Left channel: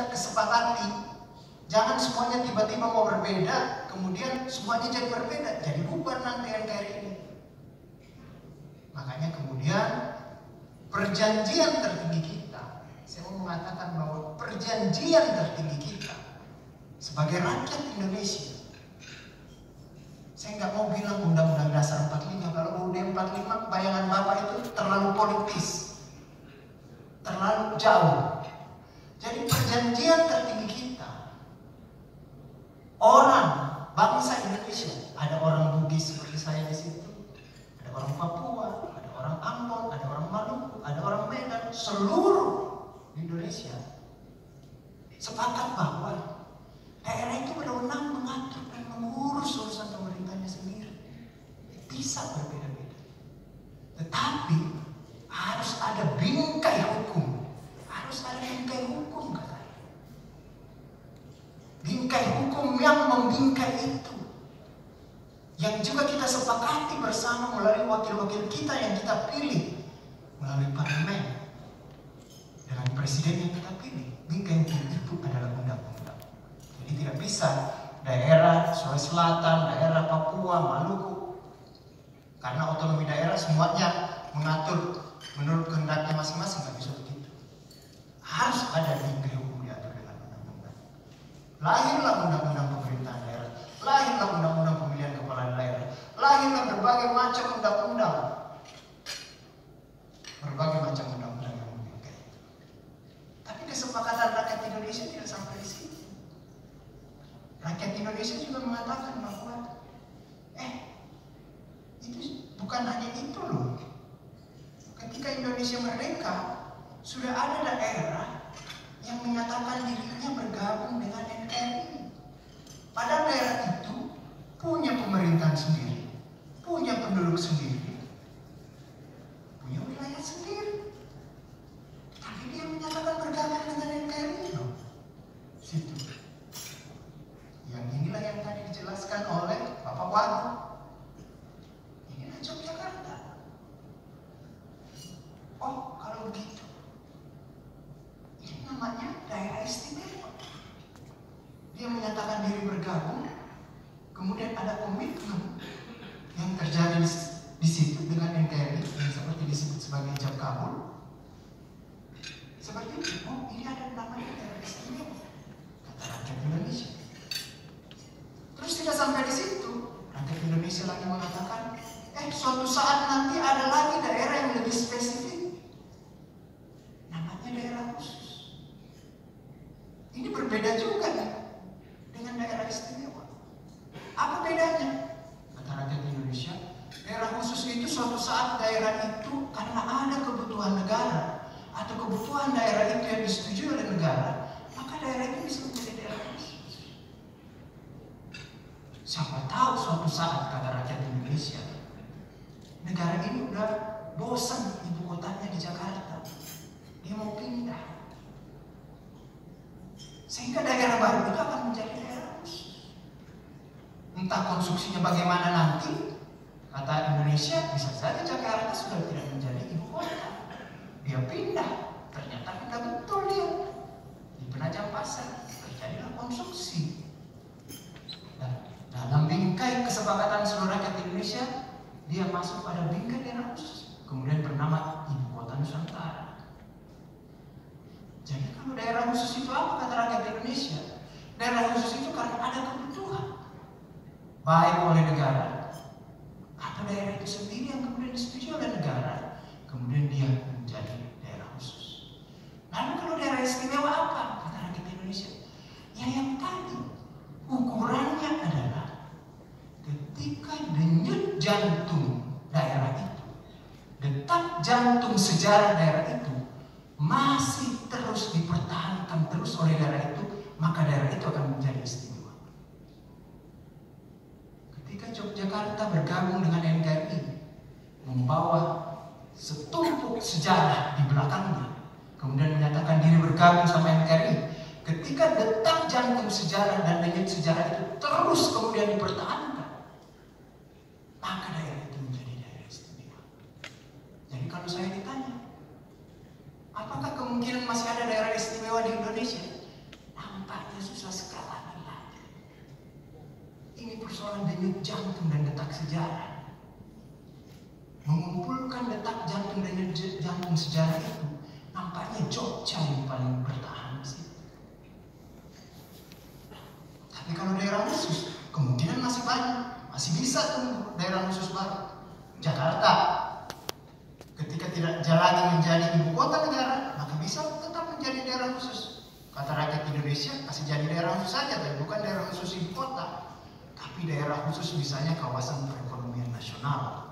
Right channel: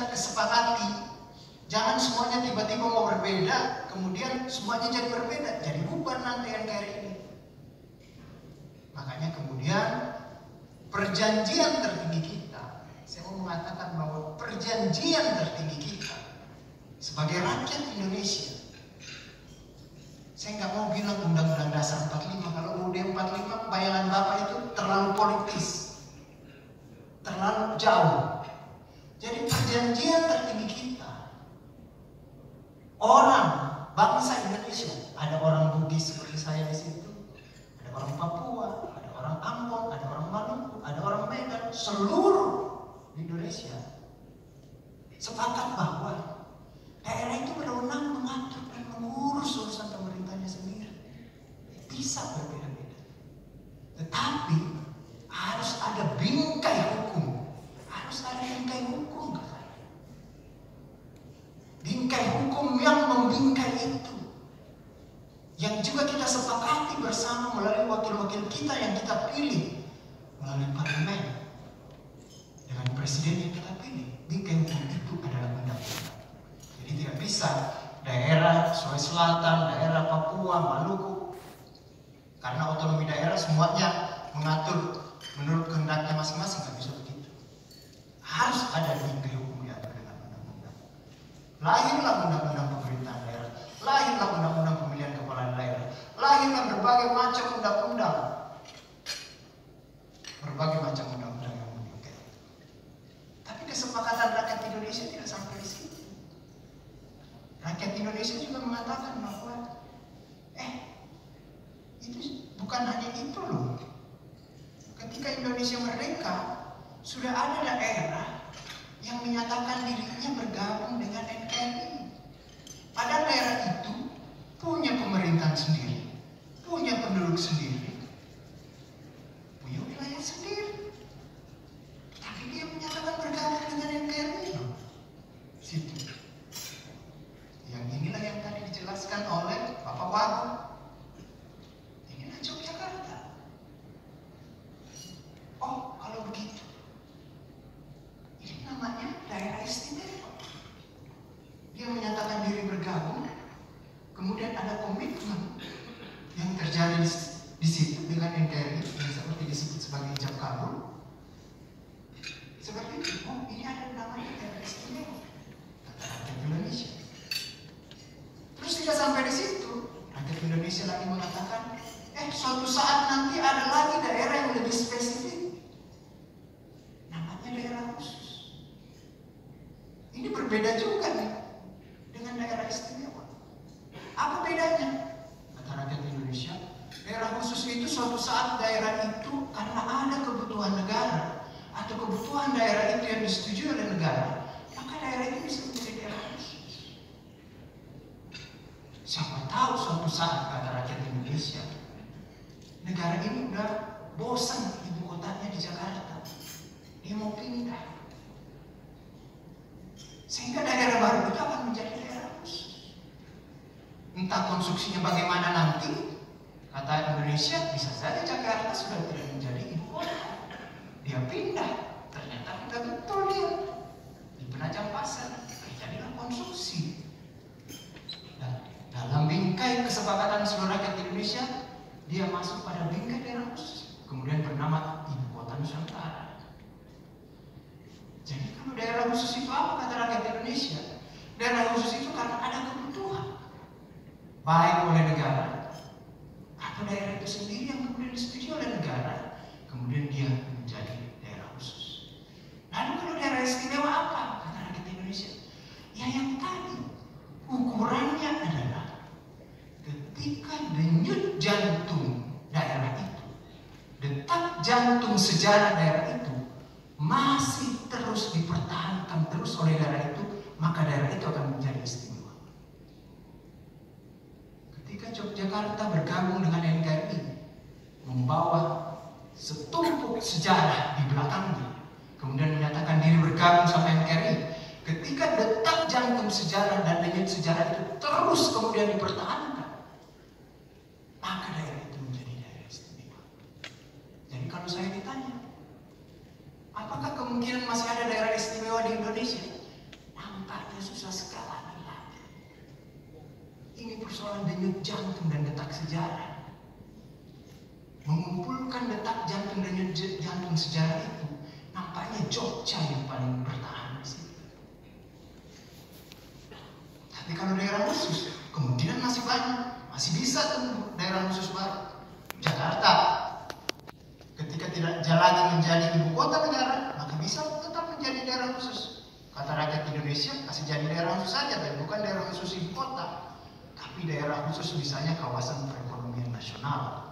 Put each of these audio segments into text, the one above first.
kita kesepakati. Jangan semuanya tiba-tiba mau berbeda, kemudian semuanya jadi berbeda, jadi bubar nanti NKRI ini. Makanya kemudian perjanjian tertinggi kita, saya mau mengatakan bahwa perjanjian tertinggi kita sebagai rakyat Indonesia, saya nggak mau bilang Undang-Undang Dasar 45. Kalau UUD 45 bayangan Bapak itu terlalu politis, terlalu jauh. Jadi perjanjian tertinggi kita, orang bangsa Indonesia, ada orang Bugis seperti saya di situ, ada orang Papua, ada orang Ambon, ada orang Maluku, ada orang Medan, seluruh Indonesia sepakat bahwa daerah itu berwenang mengatur dan mengurus urusan pemerintahnya sendiri. Bisa berbeda-beda, tetapi harus ada bingkai hukum. Harus ada bingkai hukum, katanya. Bingkai hukum yang membingkai itu, yang juga kita sepakati bersama melalui wakil-wakil kita yang kita pilih melalui parlemen dengan presiden yang kita pilih. Bingkai hukum itu adalah undang-undang. Jadi tidak bisa daerah Sulawesi Selatan, daerah Papua, Maluku, karena otonomi daerah semuanya mengatur menurut kehendaknya masing-masing, tidak bisa begitu. Harus ada bingkai hukum yang ada dengan undang-undang. Lahirlah undang-undang pemerintahan daerah, lahirlah undang-undang pemilihan kepala daerah, lahirlah berbagai macam undang-undang, berbagai macam undang-undang yang membingkai. Tapi kesepakatan rakyat Indonesia tidak sampai di situ. Rakyat Indonesia juga mengatakan bahwa itu bukan hanya itu loh. Ketika Indonesia merdeka, sudah ada daerah yang menyatakan dirinya bergabung dengan NKRI. Padahal daerah itu punya pemerintahan sendiri, punya penduduk sendiri, punya wilayah sendiri. Tapi dia menyatakan bergabung dengan NKRI. Situ. Yang inilah yang tadi dijelaskan oleh Bapak Wagub. Inilah Yogyakarta. Oh, kalau begitu, ini namanya daerah istimewa. Dia menyatakan diri bergabung, kemudian ada komitmen yang terjadi di situ dengan NKRI yang seperti disebut sebagai ijab kabul. Seperti itu. Oh, ini ada namanya daerah istimewa, kata rakyat Indonesia. Terus tidak sampai di situ, rakyat Indonesia lagi mengatakan, suatu saat nanti ada lagi daerah yang lebih spesifik, namanya daerah khusus. Ini berbeda juga nih dengan daerah istimewa. Apa bedanya? Kata rakyat Indonesia, daerah khusus itu suatu saat daerah itu karena ada kebutuhan negara atau kebutuhan daerah itu yang disetujui oleh negara, maka daerah itu bisa menjadi daerah khusus. Siapa tahu suatu saat, kata rakyat Indonesia, negara ini udah bosan ibu kotanya di Jakarta, dia mau pindah, sehingga daerah baru itu akan menjadi daerah khusus. Entah konstruksinya bagaimana nanti, kata Indonesia, bisa saja Jakarta sudah tidak menjadi ibu kota, dia pindah, ternyata tidak betul dia di Penajam Pasar, terjadilah konstruksi. Dan dalam bingkai kesepakatan seluruh rakyat Indonesia, dia masuk pada bingkai daerah khusus, kemudian bernama Ibu Kota Nusantara. Jadi kalau daerah khusus itu apa, kata rakyat Indonesia? Daerah khusus itu karena ada kebutuhan, baik oleh negara atau daerah itu sendiri yang kemudian disetujui oleh negara, kemudian dia menjadi daerah khusus. Lalu kalau daerah istimewa apa, kata rakyat Indonesia? Ya yang tadi, ukurannya adalah ketika denyut jantung daerah itu, detak jantung sejarah daerah itu masih terus dipertahankan terus oleh daerah itu, maka daerah itu akan menjadi istimewa. Ketika Yogyakarta bergabung dengan NKRI, membawa setumpuk sejarah di belakangnya, kemudian menyatakan diri bergabung sama NKRI, ketika detak jantung sejarah dan denyut sejarah itu terus kemudian dipertahankan, maka daerah itu menjadi daerah istimewa. Jadi kalau saya ditanya, apakah kemungkinan masih ada daerah istimewa di Indonesia? susah sekali. Ini persoalan denyut jantung dan detak sejarah. Mengumpulkan detak jantung dan denyut jantung sejarah itu, nampaknya Jogja yang paling bertahan di situ. Tapi kalau daerah khusus, kemungkinan masih banyak, masih bisa tumbuh daerah khusus baru. Jakarta, ketika tidak lagi menjadi ibu kota negara, maka bisa tetap menjadi daerah khusus. Kata rakyat Indonesia, kasih jadi daerah khusus saja, bukan daerah khusus ibu kota. Tapi daerah khusus misalnya kawasan perekonomian nasional.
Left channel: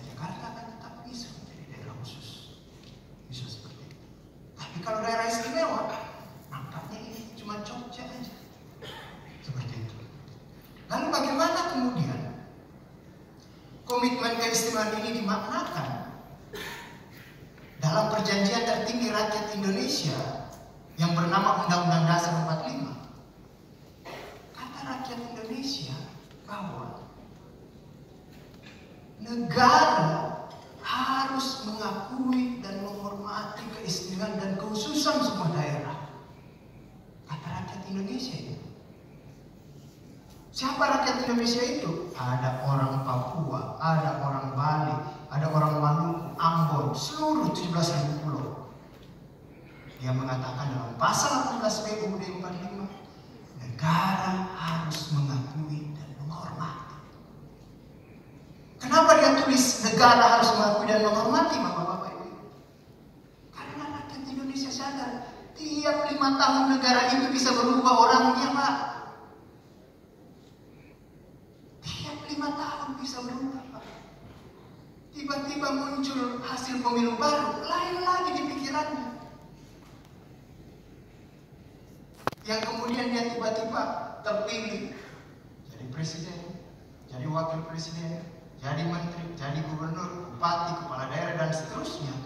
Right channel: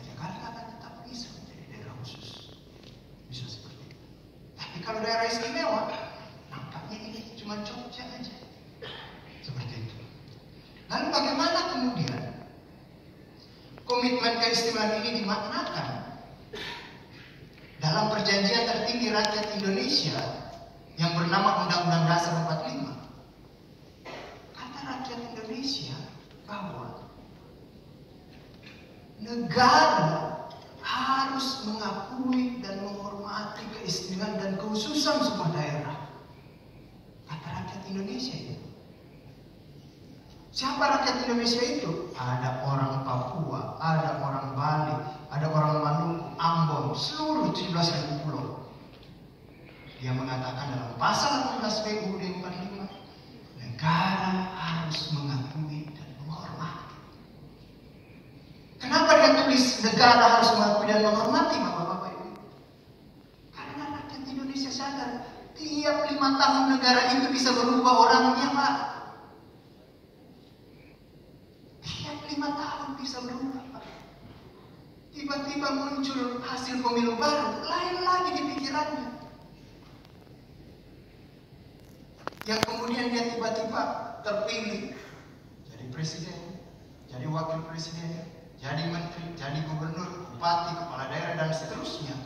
Jakarta akan tetap bisa menjadi daerah khusus. Bisa seperti itu. Tapi kalau daerah istimewa, nampaknya ini cuma Jogja aja. Seperti itu. Lalu bagaimana kemudian komitmen keistimewaan ini dimaknakan dalam perjanjian tertinggi rakyat Indonesia yang bernama Undang-Undang Dasar 45? Kata rakyat Indonesia bahwa negara harus mengakui dan menghormati keistimewaan dan kekhususan sebuah daerah. Kata rakyat Indonesia itu. Siapa rakyat Indonesia itu? Ada orang Papua, ada orang Bali, ada orang Maluku, Ambon, seluruh 17.000 pulau. Dia mengatakan dalam pasal 18 UUD 45, negara harus mengakui dan menghormati. Kenapa dia tulis negara harus mengakui dan menghormati, Bapak-bapak Ibu? Karena rakyat Indonesia sadar tiap 5 tahun negara itu bisa berubah orangnya, Pak. Tiap 5 tahun bisa berubah, Pak. Tiba-tiba muncul hasil pemilu baru, lain lagi di pikirannya. Yang kemudian dia tiba-tiba terpilih jadi presiden, jadi wakil presiden, jadi menteri, jadi gubernur, bupati, kepala daerah, dan seterusnya.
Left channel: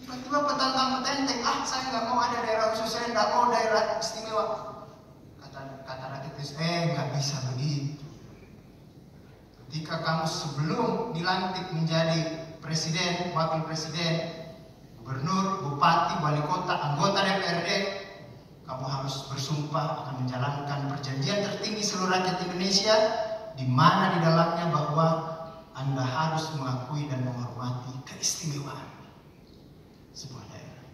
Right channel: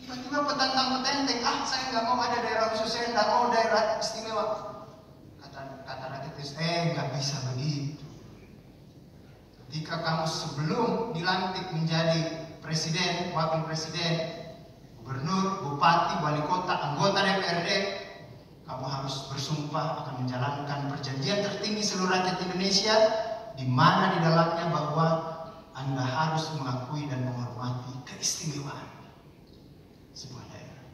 Tiba-tiba petantang-petenteng, saya nggak mau ada daerah khusus, saya nggak mau daerah istimewa. Kata rakyat Indonesia, nggak bisa begitu. Ketika kamu sebelum dilantik menjadi presiden, wakil presiden, gubernur, bupati, wali kota, anggota DPRD, kamu harus bersumpah akan menjalankan perjanjian tertinggi seluruh rakyat Indonesia, di mana di dalamnya bahwa Anda harus mengakui dan menghormati keistimewaan sebuah daerah.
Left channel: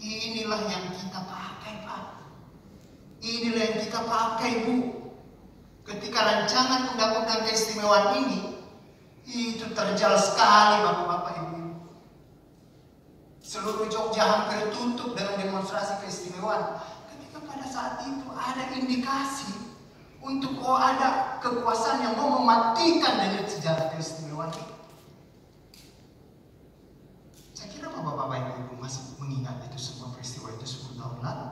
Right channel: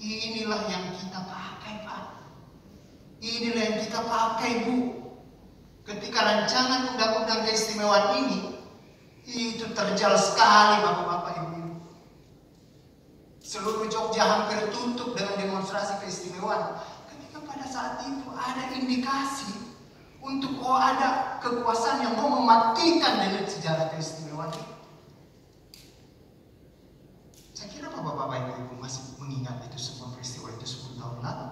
Inilah yang kita pakai, Pak. Inilah yang kita pakai, Bu. Ketika rancangan undang-undang keistimewaan ini, itu terjal sekali, Bapak-bapak Ibu. Seluruh Jogja hampir tutup dengan demonstrasi keistimewaan. Ketika pada saat itu ada indikasi untuk ada kekuasaan yang mau mematikan dari sejarah keistimewaan itu. Saya kira Bapak-bapak Ibu masih mengingat itu semua peristiwa itu 10 tahun lalu.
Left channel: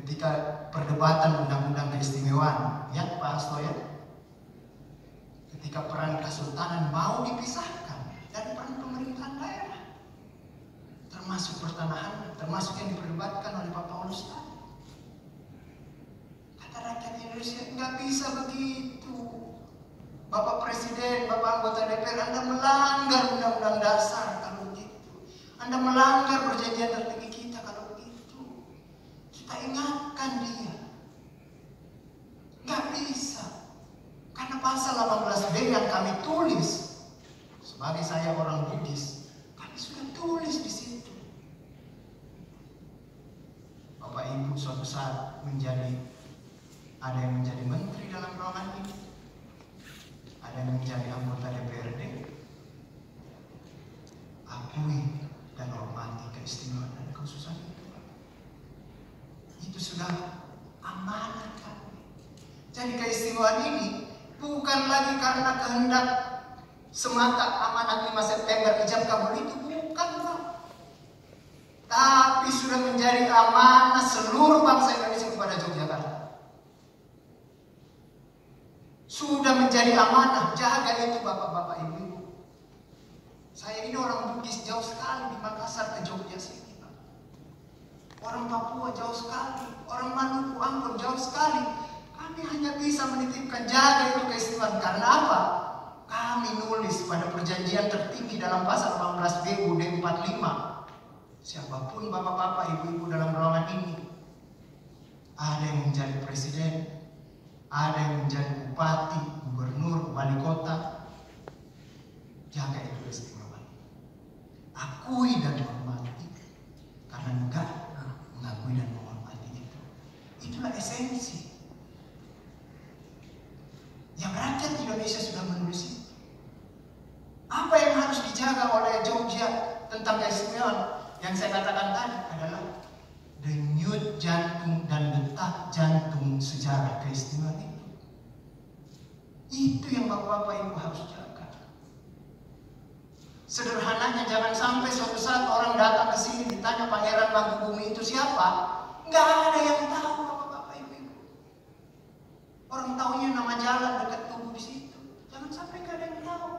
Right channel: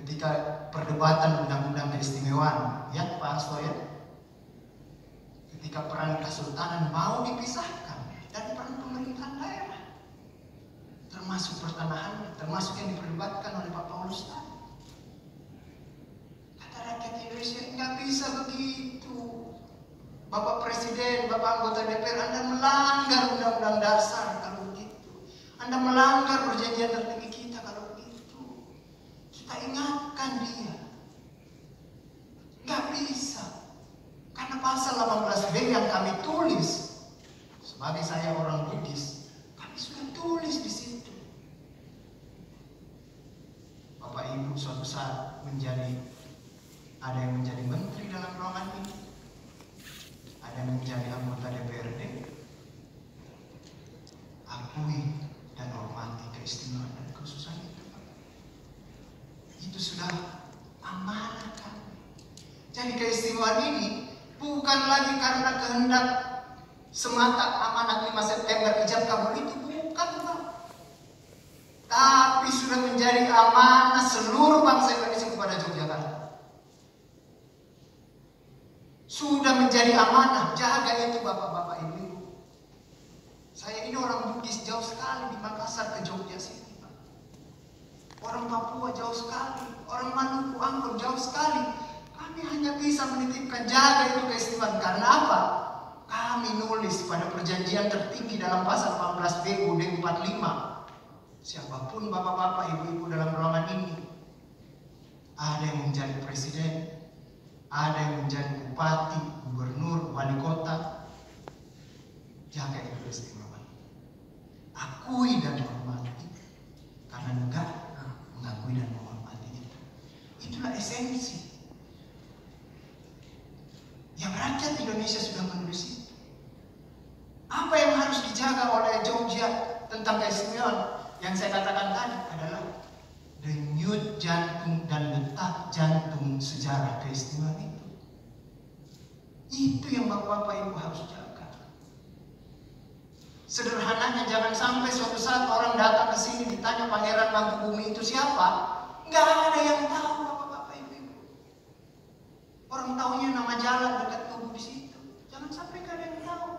Ketika perdebatan undang-undang keistimewaan, ya Pak Hasto ya, ketika peran kesultanan mau dipisahkan dari peran pemerintahan daerah, termasuk pertanahan, termasuk yang diperdebatkan oleh Pak Paulus tadi. Kata rakyat Indonesia, nggak bisa begitu. Bapak Presiden, Bapak anggota DPR, Anda melanggar undang-undang dasar kalau begitu. Anda melanggar perjanjian tertinggi kita kalau begitu. Kita ingatkan dia. Nggak bisa. Karena pasal 18B yang kami tulis, sebagai saya orang Bugis, kami sudah tulis di situ. Bapak Ibu suatu saat ada yang menjadi menteri dalam ruangan ini, ada yang menjadi anggota DPRD. Akui dan hormati keistimewaan dan kekhususan itu. Itu sudah amanah kami. Jadi keistimewaan ini bukan lagi karena kehendak semata amanah 5 September ijab kabul itu, bukan, Pak. Tapi sudah menjadi amanah seluruh bangsa Indonesia kepada Yogyakarta. Sudah menjadi amanah, jaga itu Bapak-bapak Ibu. Saya ini orang Bugis jauh sekali di Makassar ke Jogja sini, Pak. Orang Papua jauh sekali, orang Maluku, Ambon jauh sekali. Kami hanya bisa menitipkan jaga itu keistimewaan. Karena apa? Kami nulis pada perjanjian tertinggi dalam pasal 18B UUD 45 siapapun bapak-bapak, ibu-ibu dalam ruangan ini, ada yang menjadi presiden, ada yang menjadi bupati, gubernur, wali kota, jaga keistimewaan. Akui dan hormati, karena negara mengakui dan menghormati kita. Itulah esensi yang rakyat Indonesia sudah menulis itu. Apa yang harus dijaga oleh Jogja tentang keistimewaan yang saya katakan tadi adalah denyut jantung dan detak jantung sejarah keistimewaan itu. Itu yang bapak-bapak ibu harus jaga. Sederhananya, jangan sampai suatu saat orang datang ke sini ditanya Pangeran Mangkubumi itu siapa, nggak ada yang tahu bapak-bapak ibu. Orang tahunya nama jalan dekat tubuh di situ. Jangan sampai nggak ada yang tahu.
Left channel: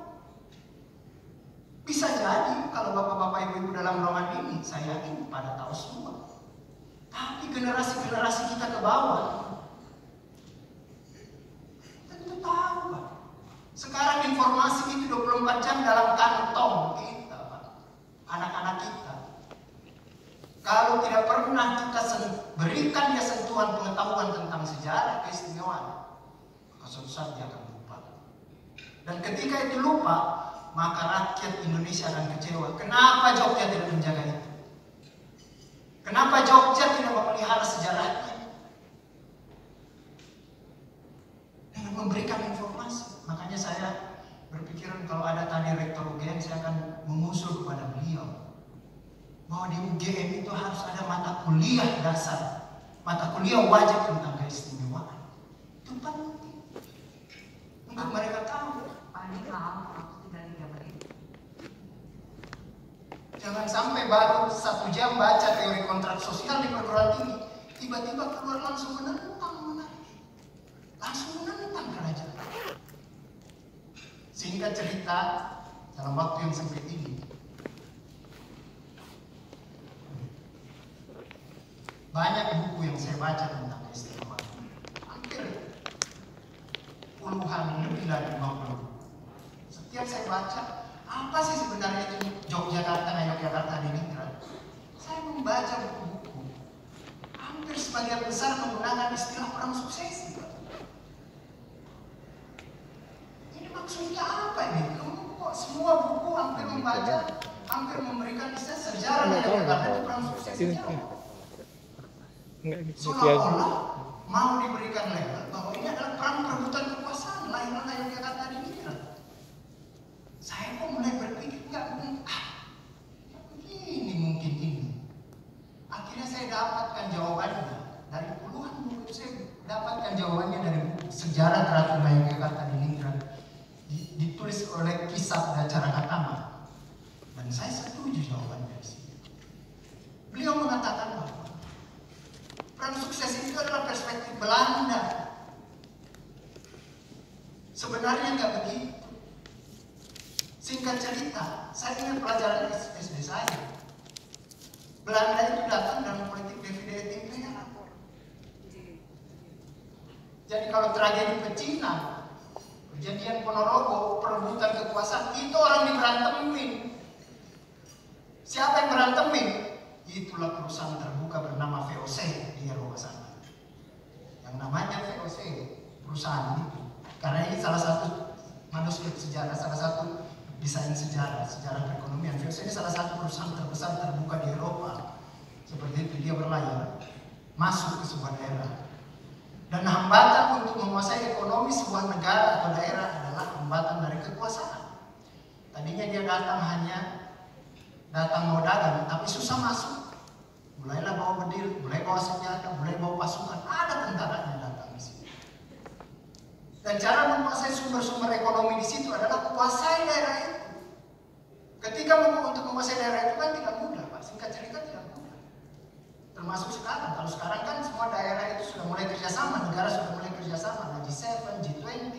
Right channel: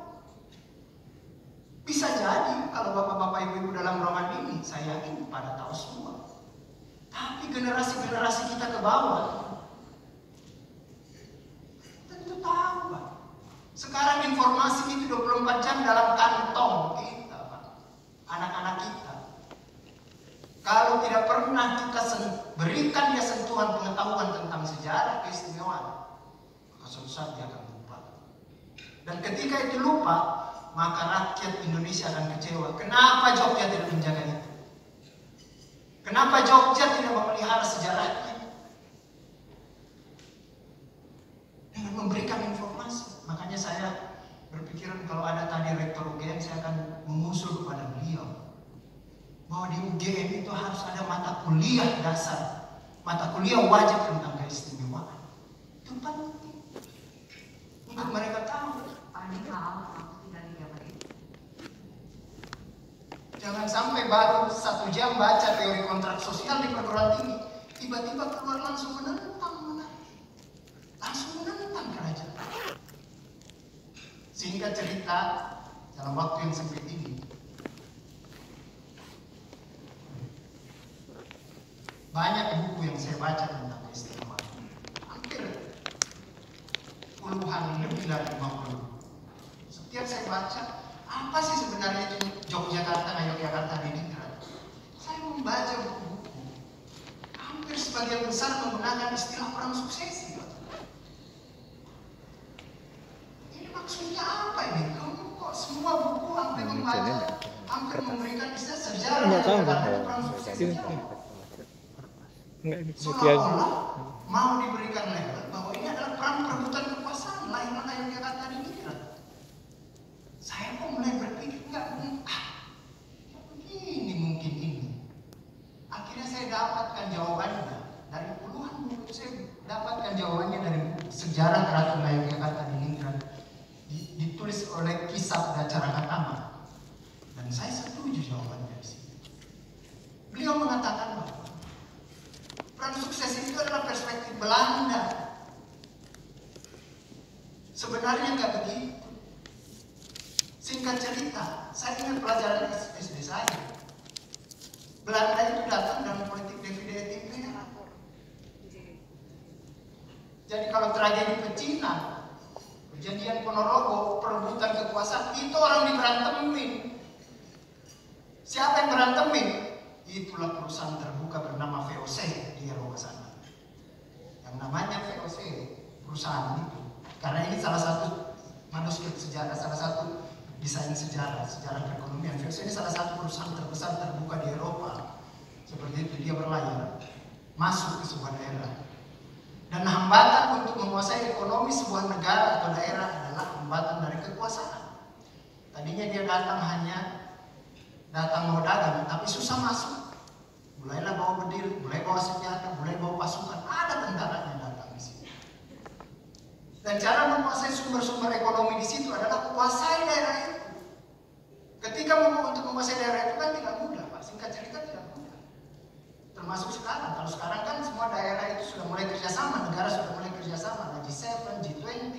Bisa jadi kalau bapak-bapak ibu dalam ruangan ini, saya yakin pada tahu semua. Tapi generasi-generasi kita ke bawah tentu tahu, Pak. Sekarang informasi itu 24 jam dalam kantong kita, Pak. Anak-anak kita. Kalau tidak pernah kita berikan dia sentuhan pengetahuan tentang sejarah keistimewaan, maka suatu saat dia akan lupa. Dan ketika itu lupa, maka rakyat Indonesia akan kecewa. Kenapa Jogja tidak menjaga itu? Kenapa Jogja tidak memelihara sejarahnya? Dan memberikan informasi. Makanya saya berpikiran kalau ada tadi rektor UGM, saya akan mengusul kepada beliau bahwa di UGM itu harus ada mata kuliah dasar, mata kuliah wajib tentang keistimewaan. Itu penting untuk mereka tahu. Jangan sampai baru 1 jam baca teori kontrak sosial di perguruan tinggi, tiba-tiba keluar langsung menentang kerajaan. Singkat cerita, dalam waktu yang sempit ini, banyak buku yang saya baca tentang keistimewaan. Hampir puluhan, lebih dari 50. Setiap saya baca, apa sih sebenarnya itu Yogyakarta, Diningrat? Saya membaca buku-buku, hampir sebagian besar menggunakan istilah perang suksesi. Ini maksudnya apa ini? Kok semua buku hampir membaca, hampir memberikan istilah sejarah Yogyakarta perang suksesi? Seolah-olah mau diberikan label bahwa ini adalah perang perebutan kekuasaan, lahirlah Yogyakarta Diningrat. Saya kok mulai berpikir, ini mungkin ini. Akhirnya saya dapatkan jawabannya dari puluhan buku. Saya dapatkan jawabannya dari sejarah terakhir Yogyakarta Diningrat, ditulis oleh Kisah dan Caraka Taman. Dan saya setuju jawabannya dari sini. Beliau mengatakan bahwa perang sukses itu adalah perspektif Belanda. Sebenarnya nggak begitu. Singkat cerita, saya ingat pelajaran SD saya. Belanda itu datang dengan politik divide et impera. Jadi kalau tragedi Pecina, kejadian Ponorogo, perebutan kekuasaan, itu orang diberantemin. Siapa yang berantemin? Itulah perusahaan terbuka bernama VOC di Eropa sana. Yang namanya VOC, perusahaan itu. Karena ini salah satu manuskrip sejarah, salah satu desain sejarah perekonomian. VOC ini salah satu perusahaan terbesar terbuka di Eropa. Seperti itu dia berlayar masuk ke sebuah daerah. Dan hambatan untuk menguasai ekonomi sebuah negara atau daerah adalah hambatan dari kekuasaan. Tadinya dia datang mau dagang, tapi susah masuk. Mulailah bawa berdiri, mulai bawa senjata, mulai bawa pasukan. Ada tentara yang datang di sini. Dan cara menguasai sumber-sumber ekonomi di situ adalah kuasai daerah itu. Ketika untuk menguasai daerah itu kan tidak mudah, Pak. Singkat cerita tidak mudah. Termasuk sekarang. Kalau sekarang kan semua daerah itu sudah mulai kerjasama, negara sudah mulai kerjasama, G7, G20,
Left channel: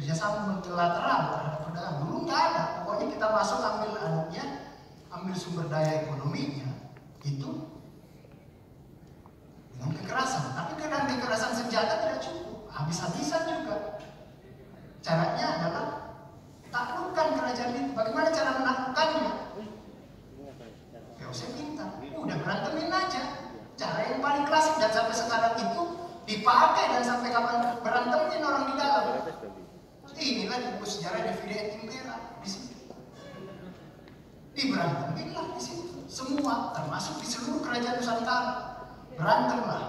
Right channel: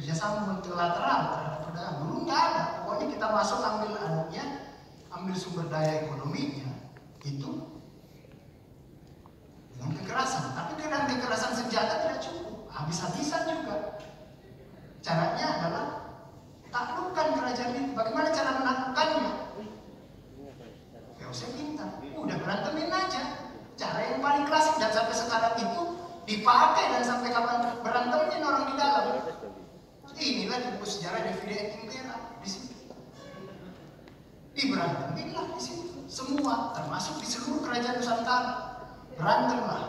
kerjasama multilateral terhadap perdagangan. Dulu nggak ada. Pokoknya kita masuk ambil anaknya, ambil sumber daya ekonominya, itu dengan kekerasan. Tapi dengan kekerasan senjata tidak cukup, habis-habisan juga. Caranya adalah taklukkan kerajaan itu. Bagaimana cara menaklukkannya? VOC pintar. udah berantemin aja. Cara yang paling klasik dan sampai sekarang itu dipakai dan sampai kapan berantemin orang di dalam. Inilah buku sejarah Davide Impera di sini. Diberantemin lah di sini. Semua, termasuk di seluruh kerajaan Nusantara. Berantem lah.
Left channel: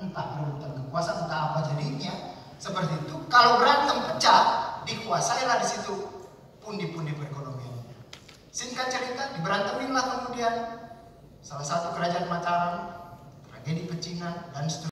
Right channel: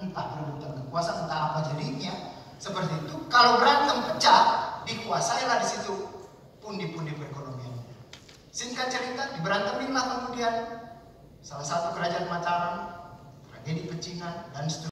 Entah berebutan kekuasaan, entah apa jadinya. Seperti itu. Kalau berantem pecah, dikuasailah di situ pundi-pundi perekonomian. Singkat cerita, diberantemin lah kemudian salah satu kerajaan Mataram, tragedi pecinan, dan seterusnya.